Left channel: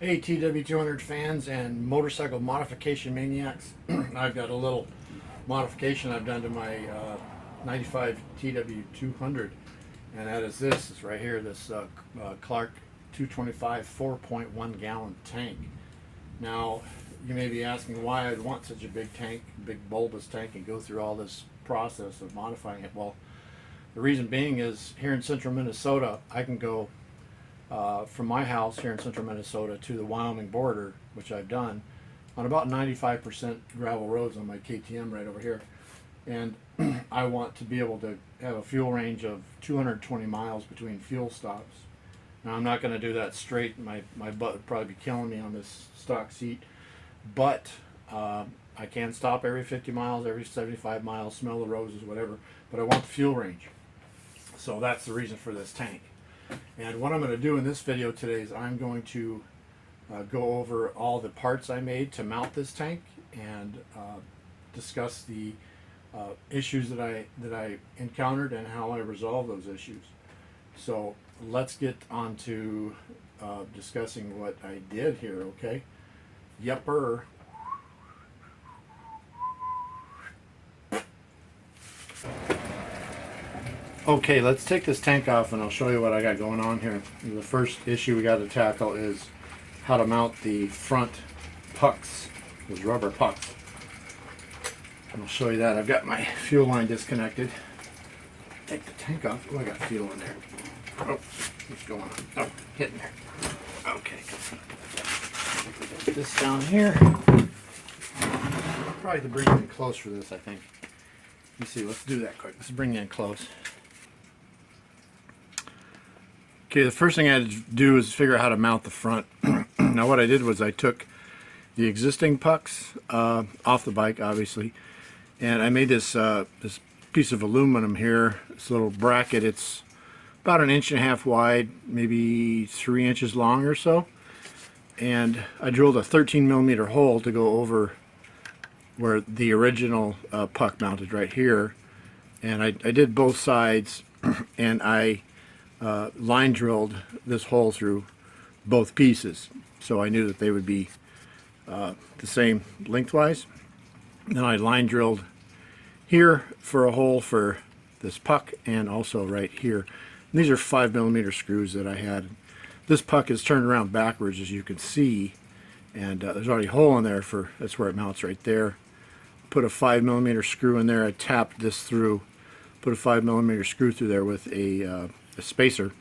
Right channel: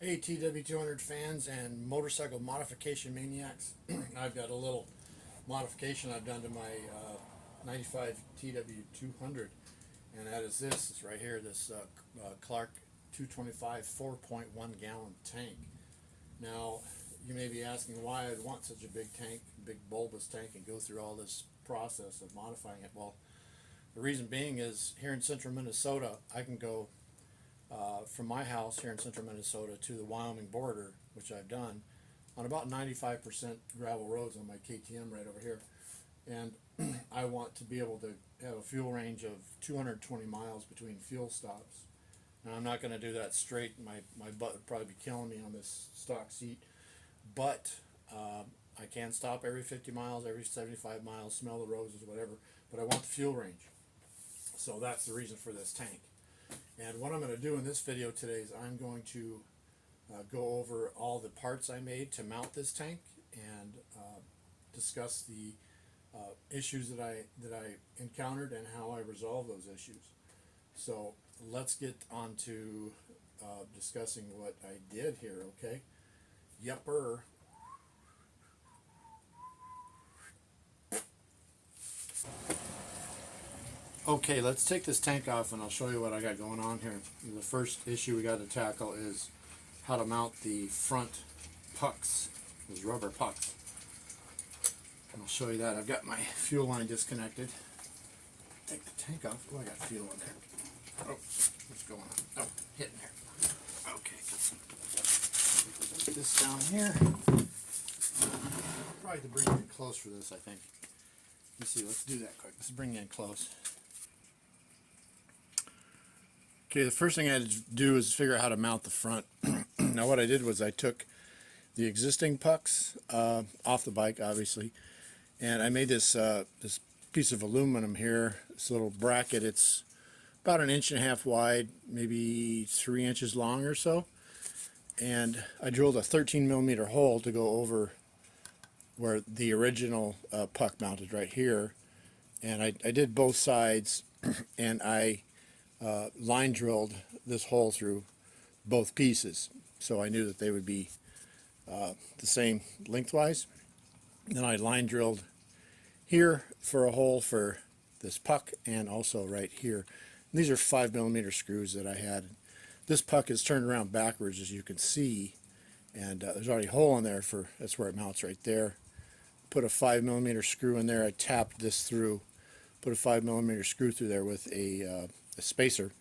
Hey TW200 fans and motorcycle modification maniacs. I've got a little modification I've done to my 95 TW200, and that is this. It's right here, this Clark 225 4.1 gallon tank. Now, you may be asking why I'd want such a big tank, big bulbous tank, and go through all this process of modifying it. Well, the reason being is here in central Minnesota, I can go from my house here in central Minnesota to the Wyoming border, which I've done, on about 95% gravel roads on my KTM right over here. And I want to be able to have a fuel range of 220 miles between fuel stops. Now, I'm not going to do that straight. My butt would probably be killing me on this stock seat. But I can stop every 50 miles, every 75 miles, smell the roses, whatever. But I want the fuel range. So that's the reason for this tank. And what I'm going to do in this video today is I'm going to go over all the parts I made to mount this tank and discuss the issues that I encountered and how I resolved those issues. So let's get on to discussing what I did here, okay? Yepper. Okay, let's take this tank off and I'll show you what I got going on here. The first issue we got to tackle is how to mount the front pucks, those rubber pucks. And I'll show you that. I've got my fuel line disconnected. Take the tank off. Oh, I got fuel in there. Oh, what's going on? Oh, hitting there. Okay. Put this down here. Probably to bring it in close for this, I think. Let's see, let's do that quick. Let's bring it in close. Okay, the first thing I had to do is figure out how to mount the front. Now what I did was I took the existing pucks off the bike, obviously, and I made this this piece of aluminum here, this little bracket. It's about 1.5 inches wide, maybe 3 inches long or so, and I drilled a 13mm hole to go over where the original puck mounted right here, and I did both sides, and I line drilled this hole through both pieces, so I knew that they would be the same lengthwise. Then I line drilled here for a hole for this puck, and also right here. And these are 5mm screws that I had. This puck is turned around backwards, as you can see, and there's already a hole in there for, that's where it mounts right there. Put a 5mm screw in there. I tapped this through, put a 5mm screw through there with a spacer,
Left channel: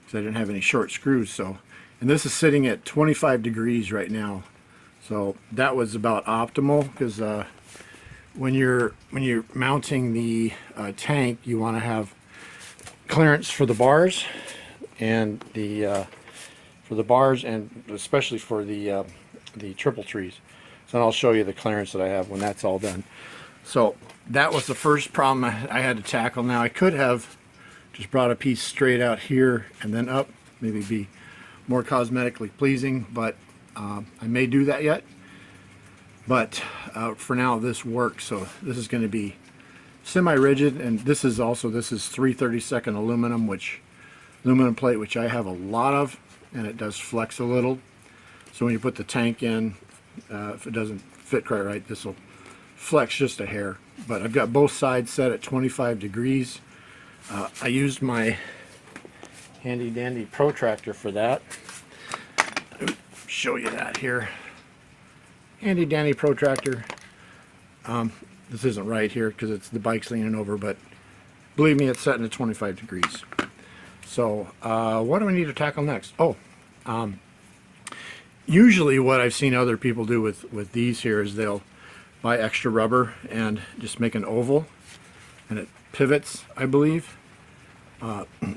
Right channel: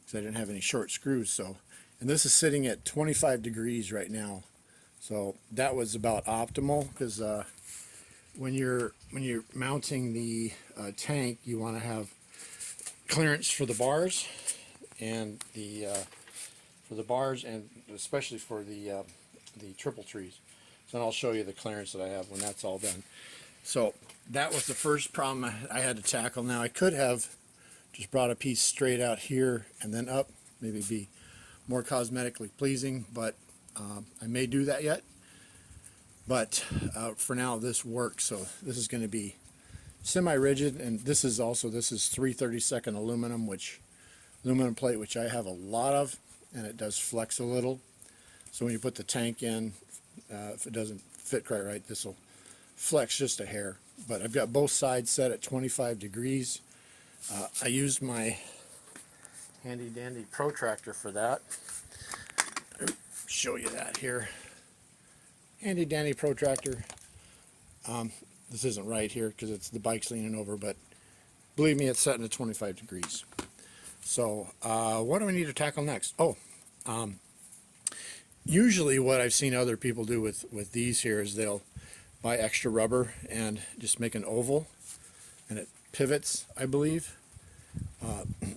because I didn't have any short screws. So, and this is sitting at 25 degrees right now, so that was about optimal, because when you're mounting the tank, you want to have clearance for the bars and and especially for the triple trees. So I'll show you the clearance that I have when that's all done. So that was the first problem I had to tackle. Now I could have just brought a piece straight out here and then up, maybe be more cosmetically pleasing, but I may do that yet. But for now, this works. So this is going to be semi-rigid, and this is 3/32 aluminum plate, which I have a lot of, and it does flex a little. So when you put the tank in, if it doesn't fit quite right, this will flex just a hair. But I've got both sides set at 25 degrees. I used my handy dandy protractor for that. Show you that here. Handy dandy protractor. This isn't right here because it's the bike's leaning over, but believe me, it's set at 25 degrees. So what do we need to tackle next? Usually what I've seen other people do with these here is they'll buy extra rubber and just make an oval, and it pivots, I believe,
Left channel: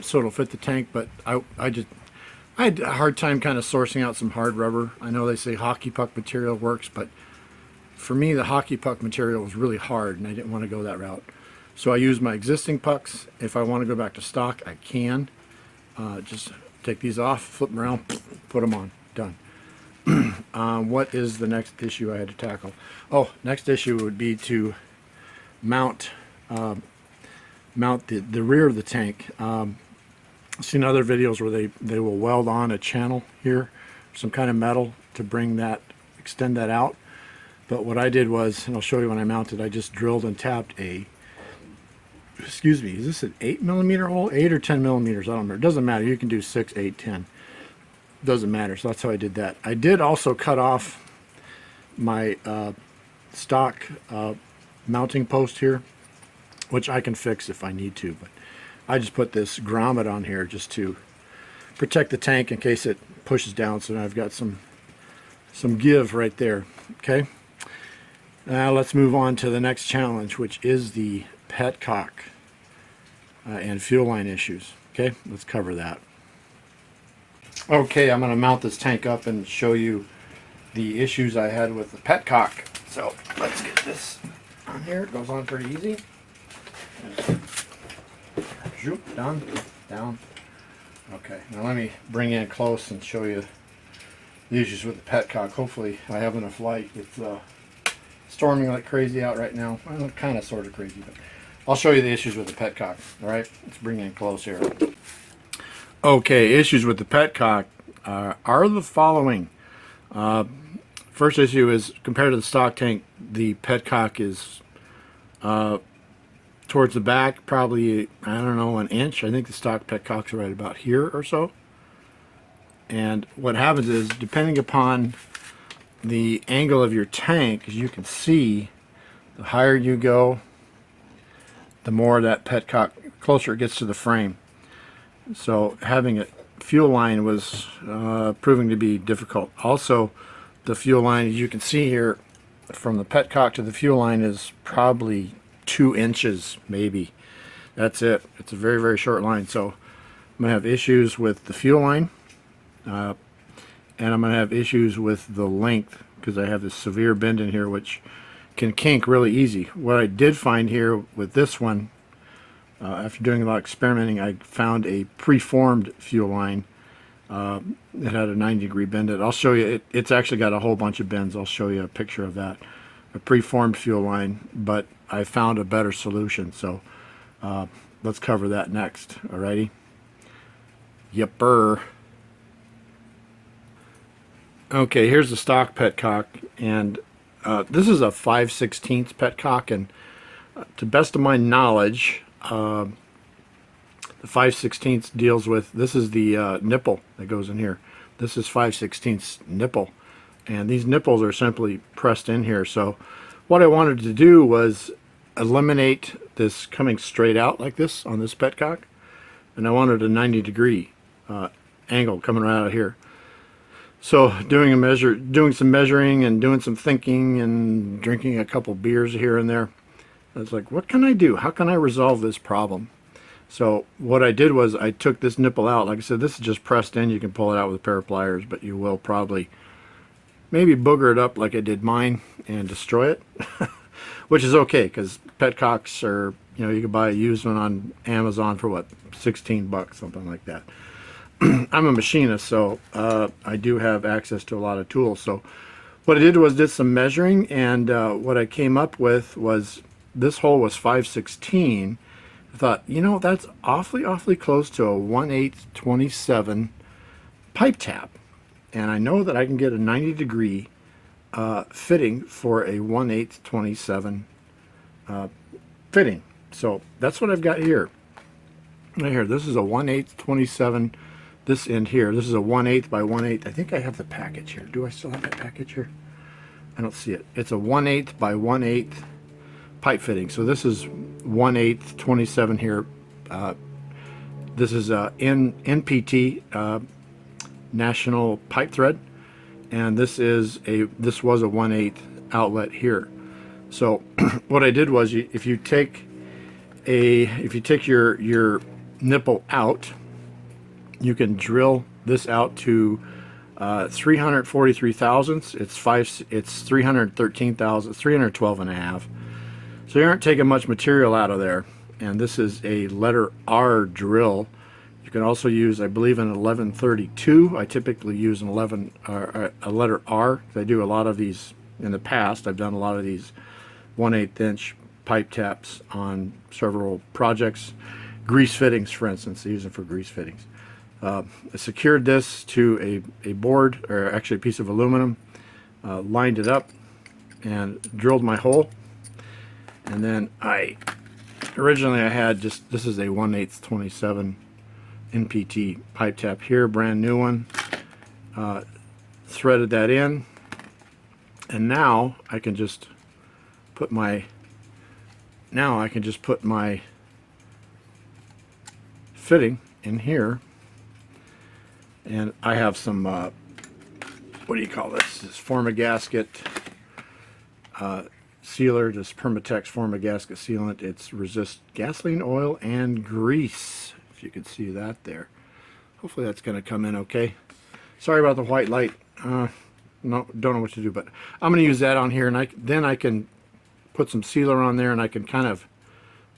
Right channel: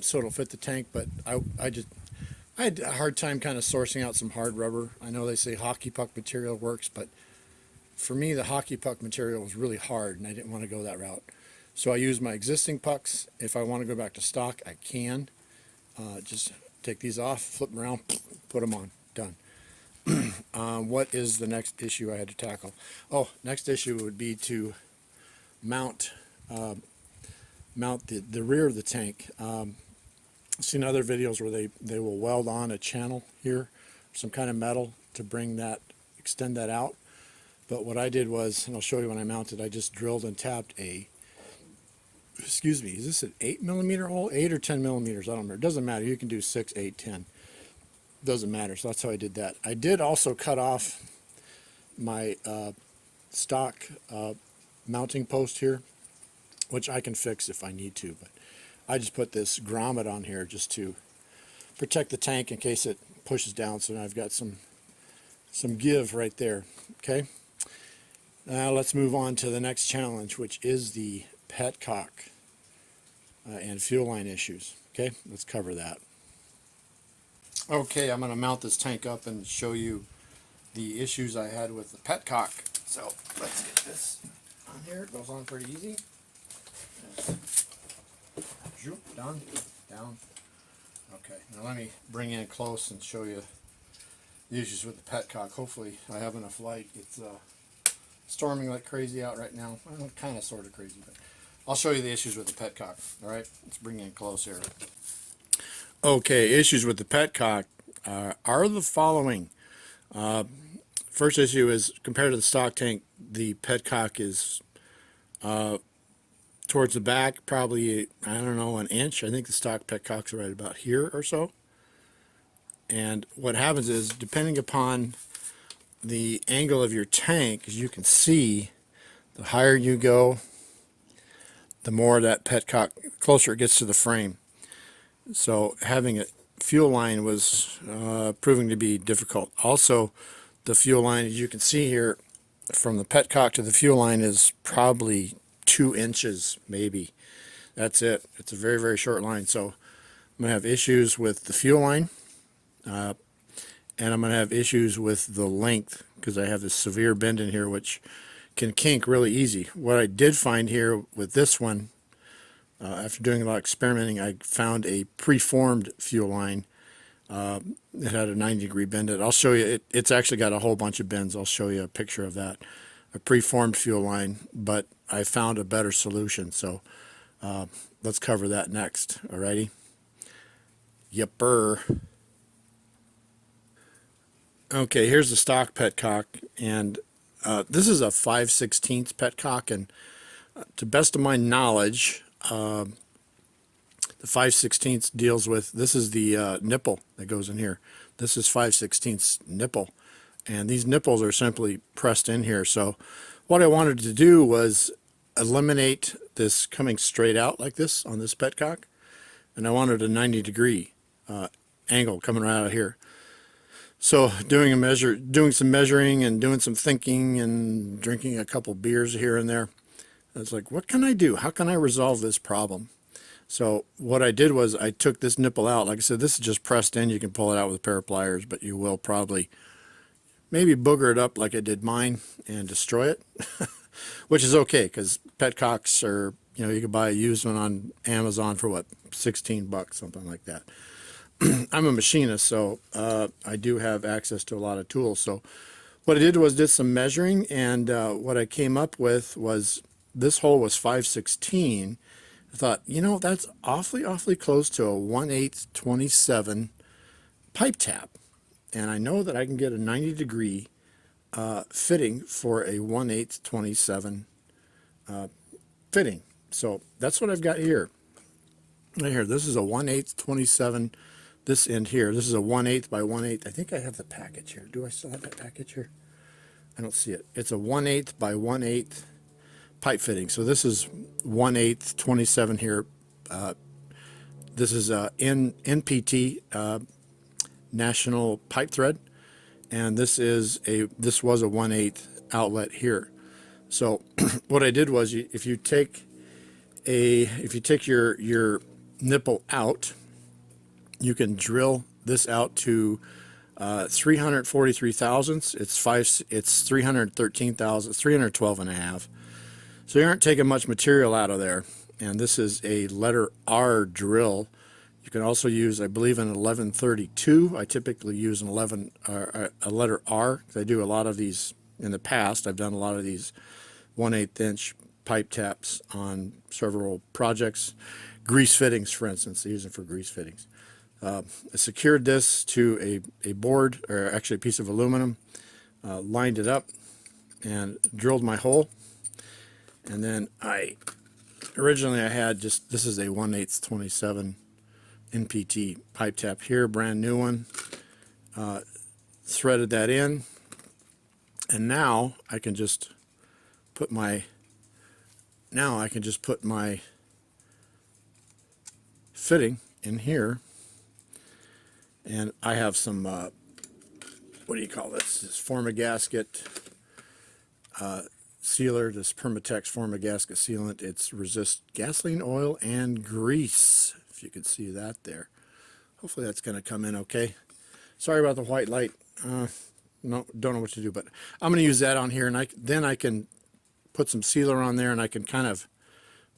so it'll fit the tank. But I had a hard time kind of sourcing out some hard rubber. I know they say hockey puck material works, but for me the hockey puck material was really hard and I didn't want to go that route. So I used my existing pucks. If I want to go back to stock, I can. Just take these off, flip them around, put them on, done. What is the next issue I had to tackle? Oh, next issue would be to mount the rear of the tank. I've seen other videos where they will weld on a channel here some kind of metal to bring that, extend that out. But what I did was, and I'll show you when I mounted, I just drilled and tapped a, excuse me, is this an 8mm hole? 8 or 10 millimeters, I don't remember. It doesn't matter. You can do 6, 8, 10. Doesn't matter. So that's how I did that. I did also cut off my stock mounting post here, which I can fix if I need to. But I just put this grommet on here just to protect the tank in case it pushes down. So now I've got some give right there. Okay. Now let's move on to the next challenge, which is the Petcock and fuel line issues. Okay, let's cover that. Okay, I'm going to mount this tank up and show you the issues I had with the Petcock. So let's get this on here. It goes on pretty easy. Zoop, down, down. Okay, now let me bring in close and show you the issues with the Petcock. Hopefully I have enough light. It's storming like crazy out right now. Well, kind of sort of crazy, but I'll show you the issues with the Petcock. All right, let's bring in close here. Okay, issues with the Petcock are the following. First issue is, compared to the stock tank, the Petcock is towards the back, probably, I don't know, an inch. I think the stock Petcocks are right about here or so. And what happens is, depending upon the angle of your tank, as you can see, the higher you go, the more that Petcock, closer it gets to the frame. So having a fuel line was proving to be difficult. Also, the fuel line, as you can see here, from the Petcock to the fuel line is probably 2 inches, maybe. That's it. It's a very, very short line. So I'm going to have issues with the fuel line, and I'm going to have issues with the length, because I have this severe bend in here which can kink really easy. What I did find here with this one, after doing a lot of experimenting, I found a preformed fuel line that had a 90-degree bend in it. I'll show you. It's actually got a whole bunch of bends. I'll show you a picture of that. A preformed fuel line, but I found a better solution. So let's cover that next. Alrighty. Yepper. Okay, here's the stock Petcock, and this is a 5/16 Petcock, and to best of my knowledge, the 5/16 deals with, this is the nipple that goes in here. This is 5/16 nipple, and these nipples are simply pressed in here. So what I wanted to do was eliminate this coming straight out like this on this Petcock, and I wanted a 90-degree angle coming right out of here. So doing some measuring and doing some thinking and drinking a couple beers here and there, I was like, what can I do? How can I resolve this problem? So what I did was I took this nipple out. Like I said, this is just pressed in. You can pull it out with a pair of pliers, but you will probably maybe booger it up like I did mine and destroy it, which is okay, because Petcocks are, you can buy a used one on Amazon for what, $16, something like that. I'm a machinist, so I do have access to a lot of tools. So what I did was did some measuring, and what I came up with was this hole was 5/16. I thought, that's awfully close to a 1/8 27 pipe tap, and I know that I can get a 90-degree fitting for a 1/8 27 fitting. So that's what I've got here. Right here, this is a 1/8 27. This end here, this is a 1/8 by 1/8. I think I have the package here. Do I still have that package here? I don't see it. It's a 1/8 by 1/8 pipe fitting. So this is 1/8 27 here. This is NPT National Pipe Thread, and this was a 1/8 outlet here. So what I did was, if you take your nipple out, you can drill this out to 343 thousandths. It's 313 thousandths, 312 and a half. So you aren't taking much material out of there. And this is a letter R drill. You can also use, I believe, an 1132. I typically use a letter R. I do a lot of these in the past. I've done a lot of these 1/8 inch pipe taps on several projects. Grease fittings, for instance. I use it for grease fittings. I secured this to a board, or actually a piece of aluminum, lined it up, and drilled my hole. And then originally I had just, this is a 1/8 27 NPT pipe tap here, brand new one. Threaded that in, and now I can just put my fitting in here, and I have some what do you call this? This Formagasket sealer, this Permatex Formagasket sealant. It's resist gasoline, oil, and grease. If you can see that there. Hopefully that's going to come in okay. Sorry about the white light. No, don't know what to do, but I'm going to use that on here, and then I can put some sealer on there, and I can kind of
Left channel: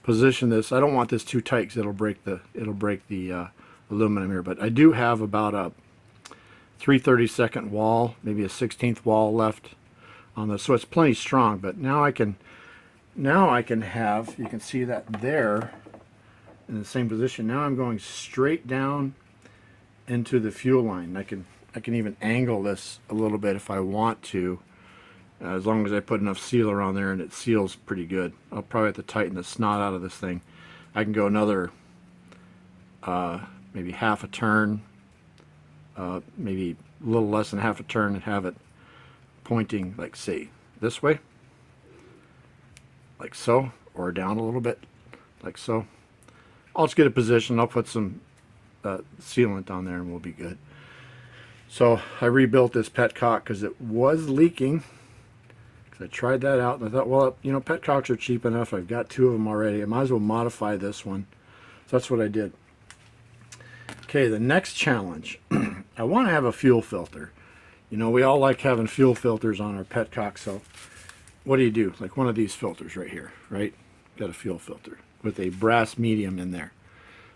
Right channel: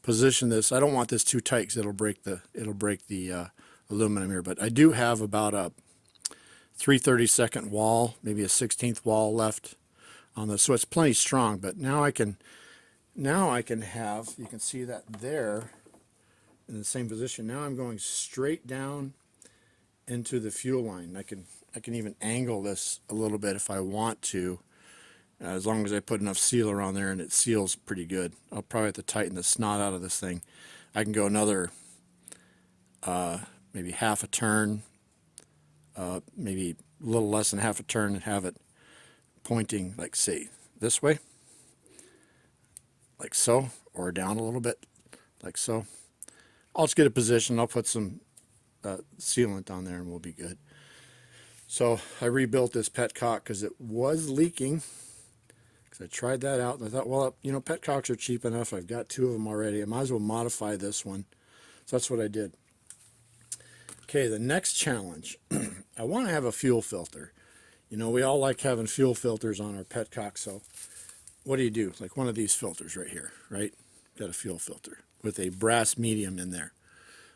position this. I don't want this too tight because it'll break the aluminum here. But I do have about a 3/32 wall, maybe a 1/16 wall left on this, so it's plenty strong. But now I can have, you can see that there in the same position. Now I'm going straight down into the fuel line. I can even angle this a little bit if I want to, as long as I put enough sealer on there and it seals pretty good. I'll probably have to tighten the snot out of this thing. I can go another maybe half a turn, maybe a little less than half a turn, and have it pointing, like, say this way, like so, or down a little bit, like so. I'll just get a position. I'll put some sealant on there and we'll be good. So I rebuilt this Petcock because it was leaking. I tried that out and I thought, well, you know, Petcocks are cheap enough. I've got 2 of them already. I might as well modify this one. So that's what I did. Okay, the next challenge. I want to have a fuel filter. You know, we all like having fuel filters on our Petcock. So what do? Like one of these filters right here, right? Got a fuel filter with a brass medium in there.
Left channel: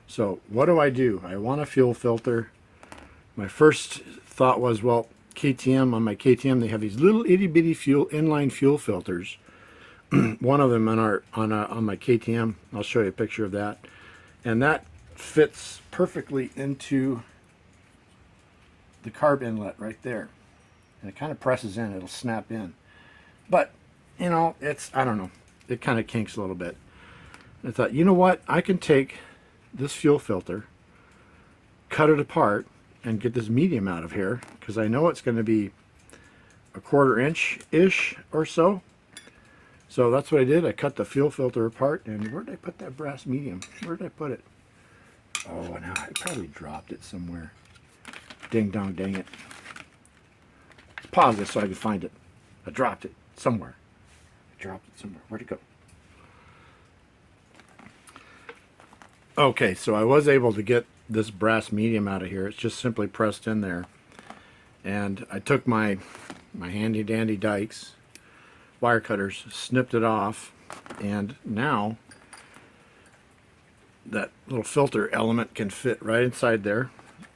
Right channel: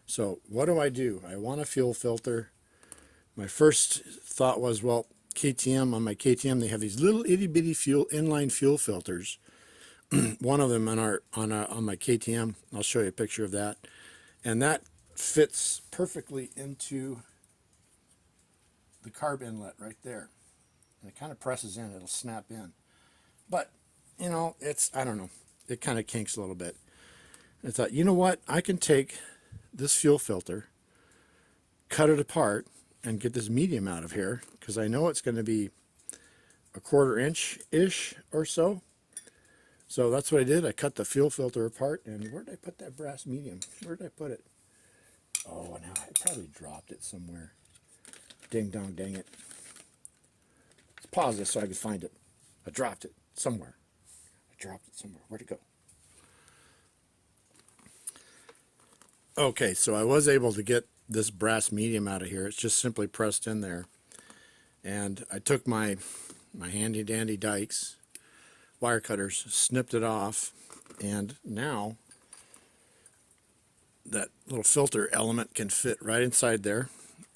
So what do? I want a fuel filter. My first thought was, well, KTM, on my KTM, they have these little itty bitty inline fuel filters. One of them on my KTM, I'll show you a picture of that, and that fits perfectly into the carb inlet right there, and it kind of presses in. It'll snap in, but you know, I don't know, it kind of kinks a little bit. I thought, you know what, I can take this fuel filter, cut it apart, and get this medium out of here, because I know it's going to be a 1/4 inch-ish or so. So that's what I did. I cut the fuel filter apart, and where did I put that brass medium? Where did I put it? Oh, no, I probably dropped it somewhere. Ding dong, dang it. Let's pause this so I can find it. I dropped it somewhere. Where'd it go? Okay, so I was able to get this brass medium out of here. It's just simply pressed in there, and I took my handy dandy dikes, wire cutters, snipped it off, and now that little filter element can fit right inside there.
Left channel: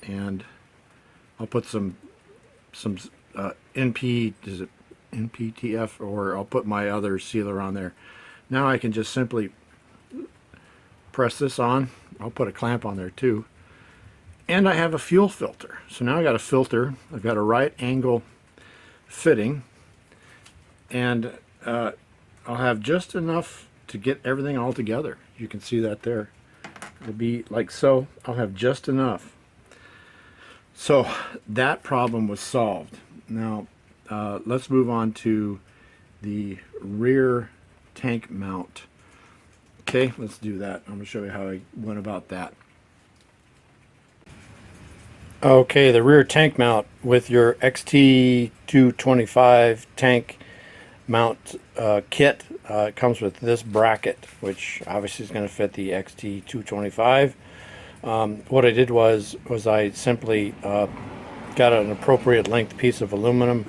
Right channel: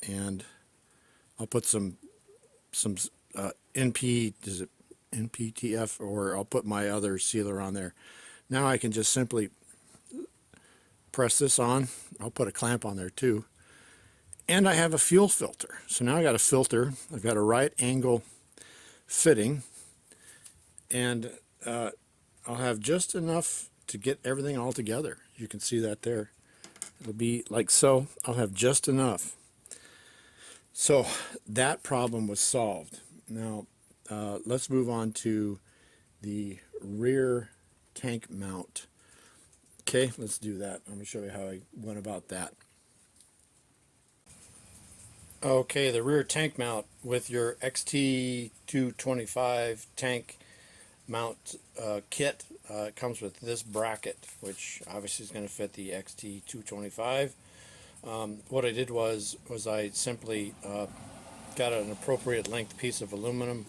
And I'll put some NPTF, or I'll put my other sealer on there. Now I can just simply press this on. I'll put a clamp on there too. And I have a fuel filter. So now I got a filter. I've got a right angle fitting, and I'll have just enough to get everything all together. You can see that there. It'll be like so. I'll have just enough. So that problem was solved. Now let's move on to the rear tank mount. Okay, let's do that. I'm going to show you how I went about that. Okay, the rear tank mount with your XT225 tank mount kit. It comes with this bracket, which obviously is going to fit the XT225. What I did was I simply got an appropriate length piece of aluminum.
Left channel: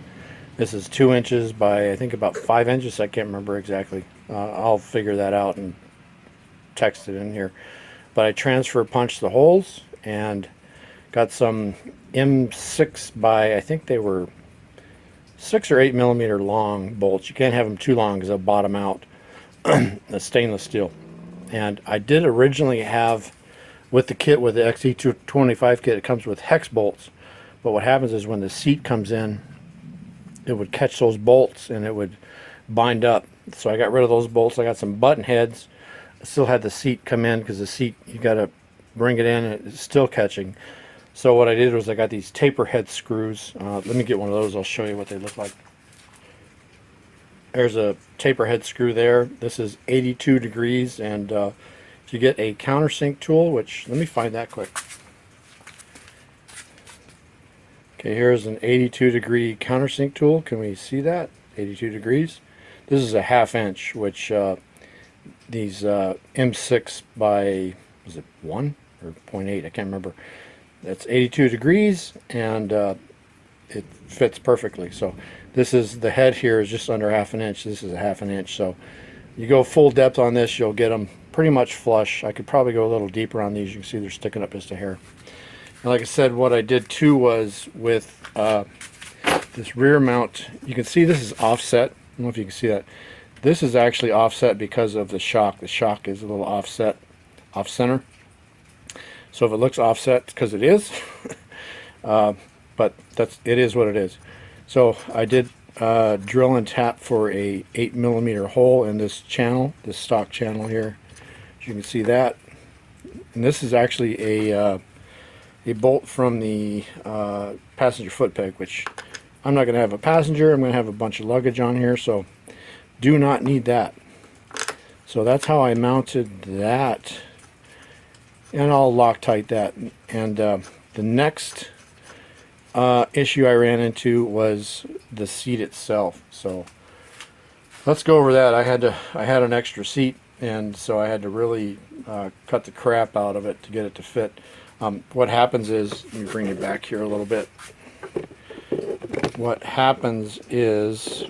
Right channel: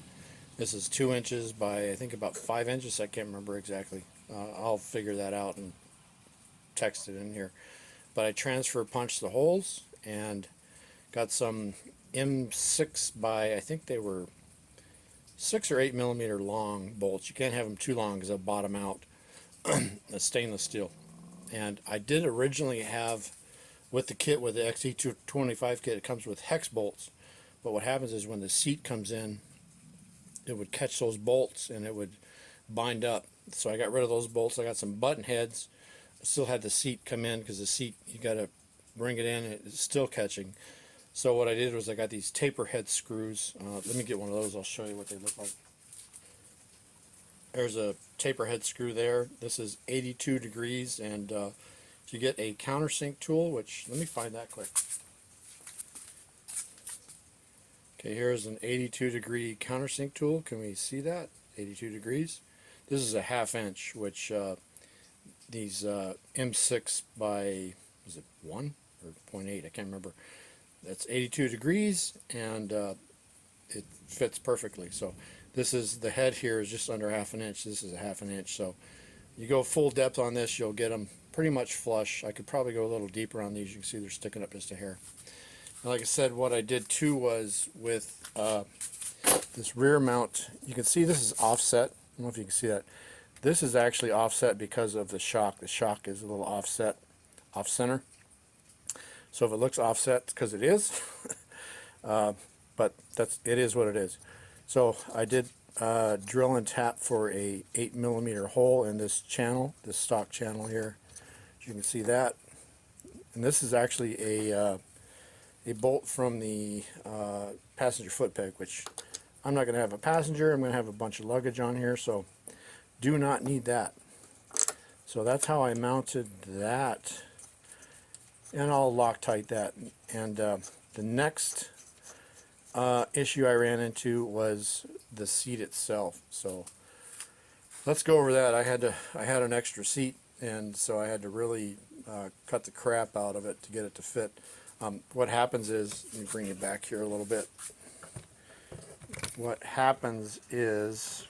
This is 2 inches by, I think, about 5 inches. I can't remember exactly. I'll figure that out and text it in here. But I transfer punched the holes and got some M6 by, I think they were 6 or 8 millimeter long bolts. You can't have them too long because they'll bottom out. The stainless steel. And I did originally have with the kit, with the XE225 kit, it comes with hex bolts. But what happens is when the seat comes in, it would catch those bolts and it would bind up. So I got rid of those bolts. I got some button heads. I still had the seat come in because the seat, you got to bring it in and it's still catching. So what I did was I got these taper head screws. Let me get one of those. I'll show you what they look like. There's a taper head screw there. This is 82 degrees, and if you get a countersink tool, which, let me find that quick. Okay, here's an 82 degree countersink tool. Can we see that? 82 degrees. This is a 1/2 inch, which these M6 by, was it 1 or 0.8? I can't remember. That's 82 degrees, and it fits perfectly. So this is, the head here is just under 1/2 inch. This is a 1/2 inch. So you go full depth on this, you'll get them pretty much flush. I could probably go a little deeper on these. You can see they're sticking up just a hair. And like I said, what I did too was with this rear mount, you can see this is offset. I don't know if you can see that. This is actually offset because of the shock. The shock is a little offset, off center. So if it looks offset, it's because it is. But it is what it is. So I did drill and tap for a 8mm hole in this channel, this stock channel here. As you can see that. And this is actually a bolt from the passenger foot peg, which I'm not going to have a passenger. I'm going to have a bunch of luggage on here, so do not need that. So that's how I mounted that, and I'll Loctite that. And the next issue I ran into was the seat itself. So let's go over that. I had an extra seat, and so I had to really cut the crap out of it to get it to fit. What happens is, let me bring you back here a little bit. What happens is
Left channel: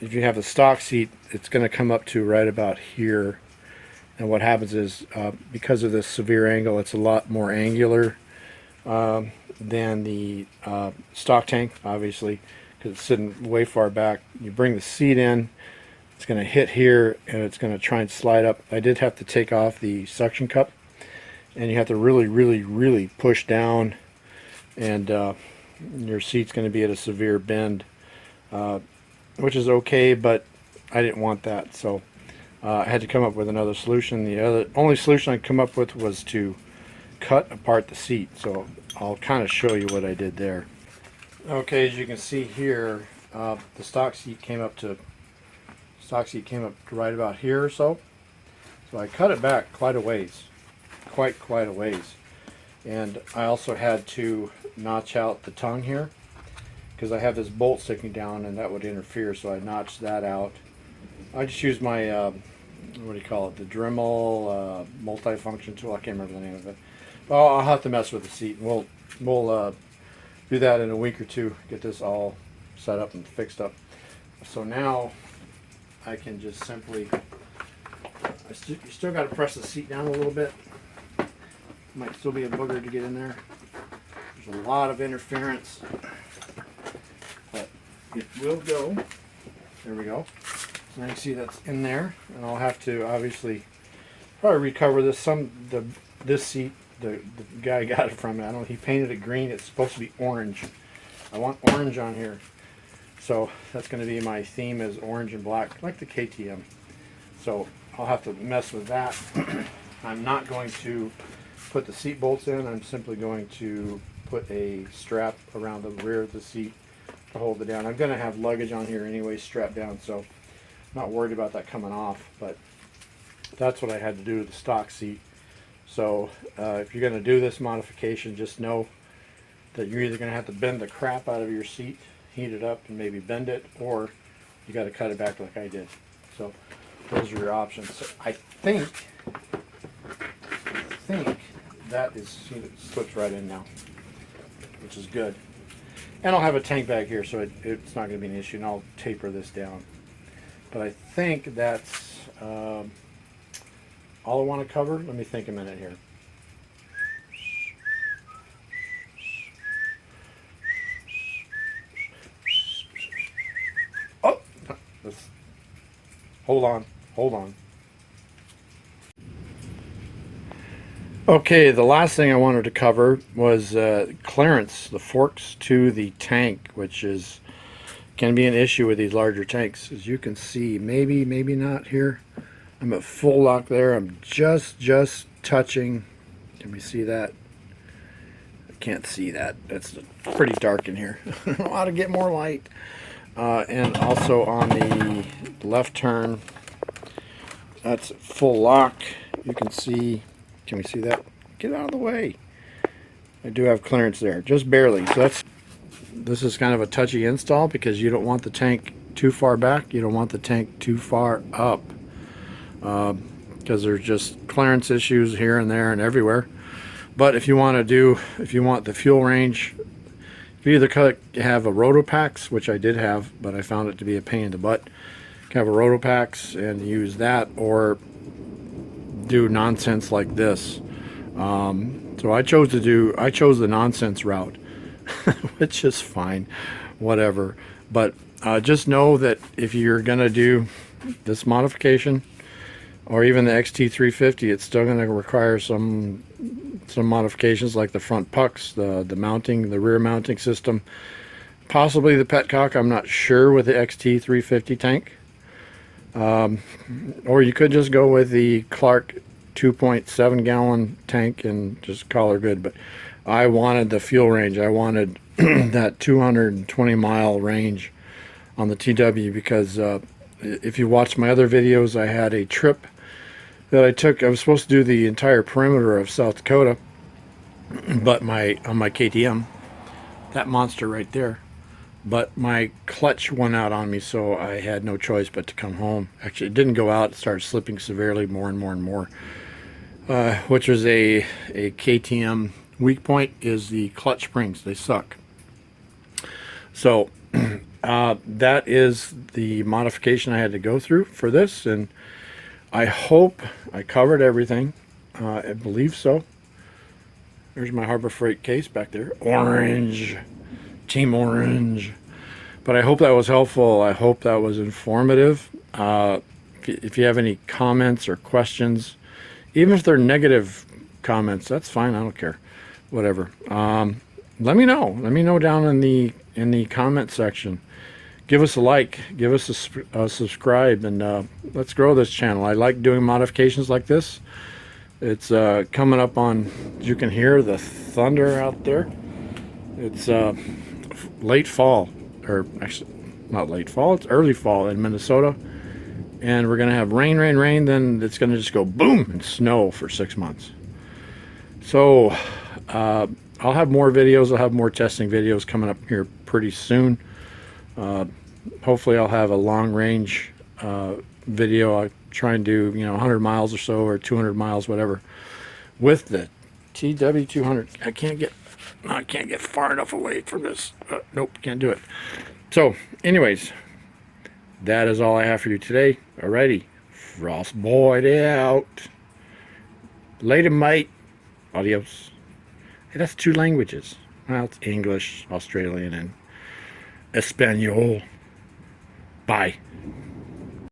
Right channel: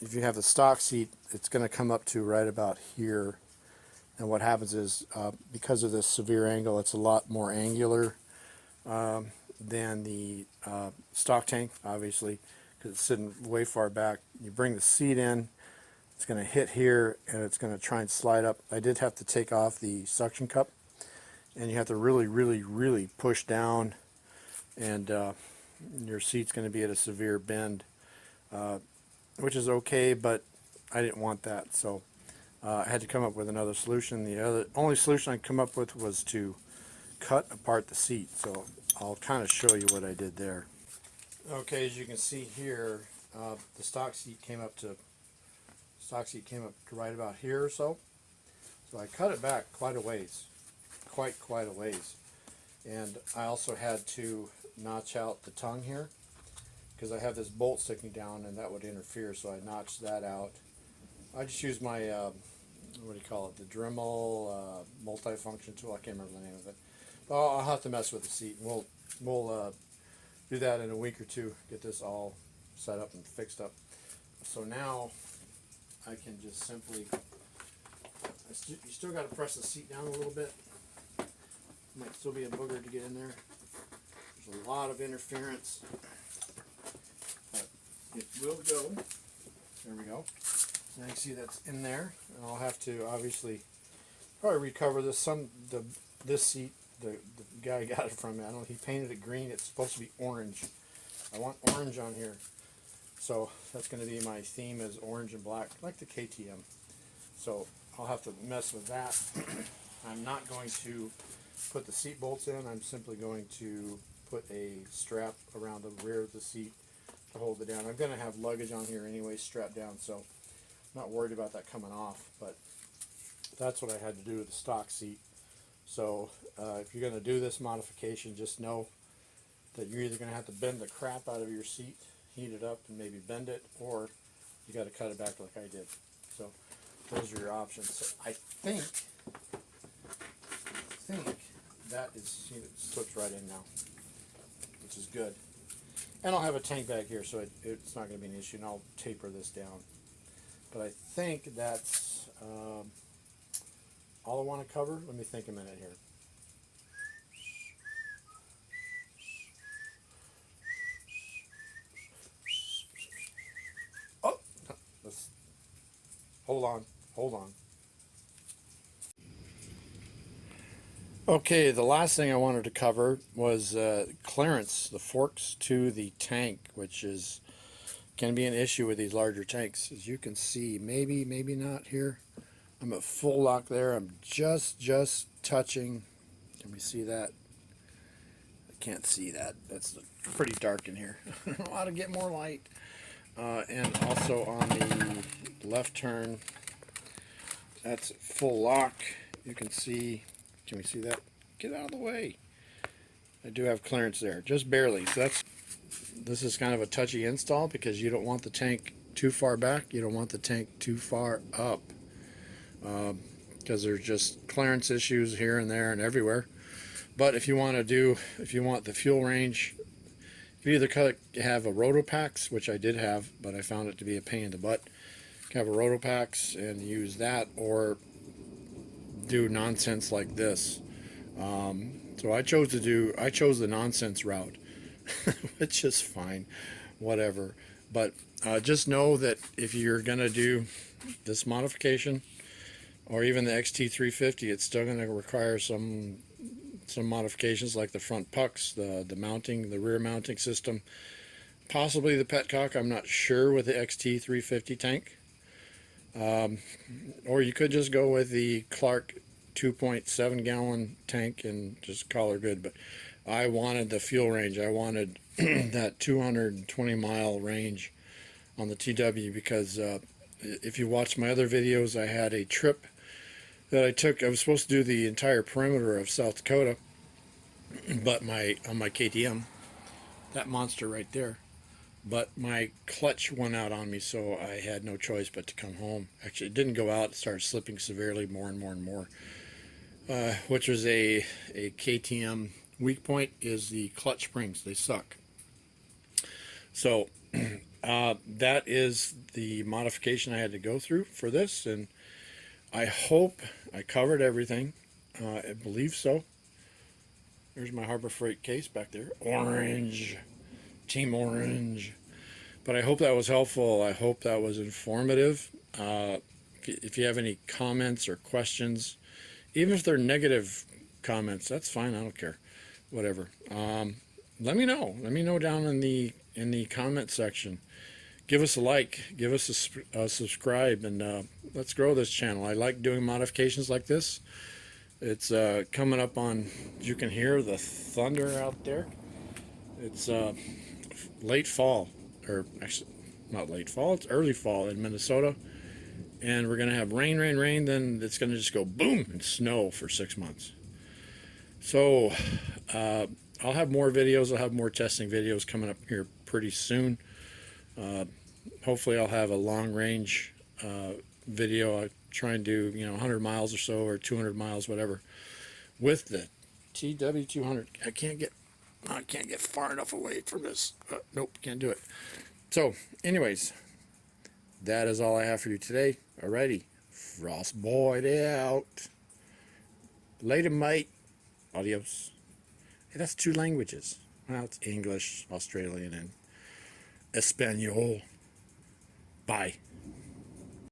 if you have the stock seat, it's going to come up to right about here. And what happens is, because of this severe angle, it's a lot more angular than the stock tank, obviously, because it's sitting way far back. You bring the seat in, it's going to hit here, and it's going to try and slide up. I did have to take off the suction cup, and you have to really push down, and your seat's going to be at a severe bend, which is okay, but I didn't want that, so I had to come up with another solution. The only solution I could come up with was to cut apart the seat, so I'll kind of show you what I did there. Okay, as you can see here, the stock seat came up to right about here or so. So I cut it back quite a ways, quite a ways, and I also had to notch out the tongue here because I have this bolt sticking down, and that would interfere. So I notched that out. I just used my what do you call it? The Dremel multifunction tool. I can't remember the name of it. Well, I'll have to mess with the seat. We'll do that in a week or two. Get this all set up and fixed up. So now I can just simply. You still got to press the seat down a little bit. Might still be a booger to get in there. There's a lot of interference, but it will go. There we go. So now you see that's in there, and I'll have to obviously probably recover this. This seat, the guy got it from me. I don't know. He painted it green. It's supposed to be orange. I want orange on here, so that's going to be my theme, is orange and black, like the KTM. So I'll have to mess with that. I'm not going to put the seat bolts in. I'm simply going to put a strap around the rear of the seat to hold it down. I'm going to have luggage on here anyway, strapped down, so I'm not worried about that coming off. But that's what I had to do to the stock seat. So if you're going to do this modification, just know that you're either going to have to bend the crap out of your seat, heat it up and maybe bend it, or you got to cut it back like I did. So those are your options. So I think that is, see, it slips right in now, which is good. And I'll have a tank bag here, so it's not going to be an issue, and I'll taper this down. But I think that's all I want to cover. Let me think a minute here. Oh, hold on. Okay, the last thing I wanted to cover was clearance, the forks to the tank, which can be an issue with these larger tanks. As you can see, maybe not here. I'm at full lock there. I'm just touching. Can we see that? I can't see that. It's pretty dark in here. I don't know how to get more light. And also on the left turn, that's full lock. You can see. Can we see that? Get out of the way. I do have clearance there, just barely. So this is kind of a touchy install because you don't want the tank too far back. You don't want the tank too far up because there's just clearance issues here and there and everywhere. But if you want the fuel range, you either have a Rotopax, which I did have, but I found it to be a pain in the butt. You can have a Rotopax and use that, or do nonsense like this. So I chose the nonsense route, which is fine, whatever. But just know that if you're gonna do this modification, or even the XT350, it's still gonna require some modifications, like the front pucks, the mounting, the rear mounting system, possibly the Petcock. I'm not sure with the XT350 tank. Or you could just go with the Clark 2.7 gallon tank and just call her good. But I wanted the fuel range. I wanted that 220 mile range on the TW because if you watch my other videos, I had a trip that I took. I was supposed to do the entire perimeter of South Dakota, but on my KTM, that monster right there. But my clutch went out on me, so I had no choice but to come home. Actually, it didn't go out. It started slipping severely more and more. Which is a KTM weak point, is the clutch springs. They suck. So that is the modification I had to go through for this, and I hope I covered everything. I believe so. There's my Harbor Freight case back there. Orange. Team Orange. But I hope that was helpful. I hope that was informative. If you have any comments or questions, even if they're negative comments, that's fine. I don't care. Whatever. Let me know. Let me know down in the comment section. Give us a like. Give us a subscribe, and let's grow this channel. I like doing modifications like this. It's coming up on. You can hear the thunder out there. It's late fall, or actually not late fall, it's early fall in Minnesota, and we're gonna have rain, then it's gonna just go boom and snow for 6 months. So I'll have more videos. I'll have more testing videos coming up here pretty soon. Hopefully I'll have a long range video. I try and do 100 miles or so, or 200 miles, whatever, with the TW200. I can't get far enough away from this. Nope, can't do it. So, anyways, that is all I have for you today. Alrighty, Frostboy out. Later, mate. Adios. Hey, that's 2 languages. Well, it's English, Australian, and Espanol. Bye.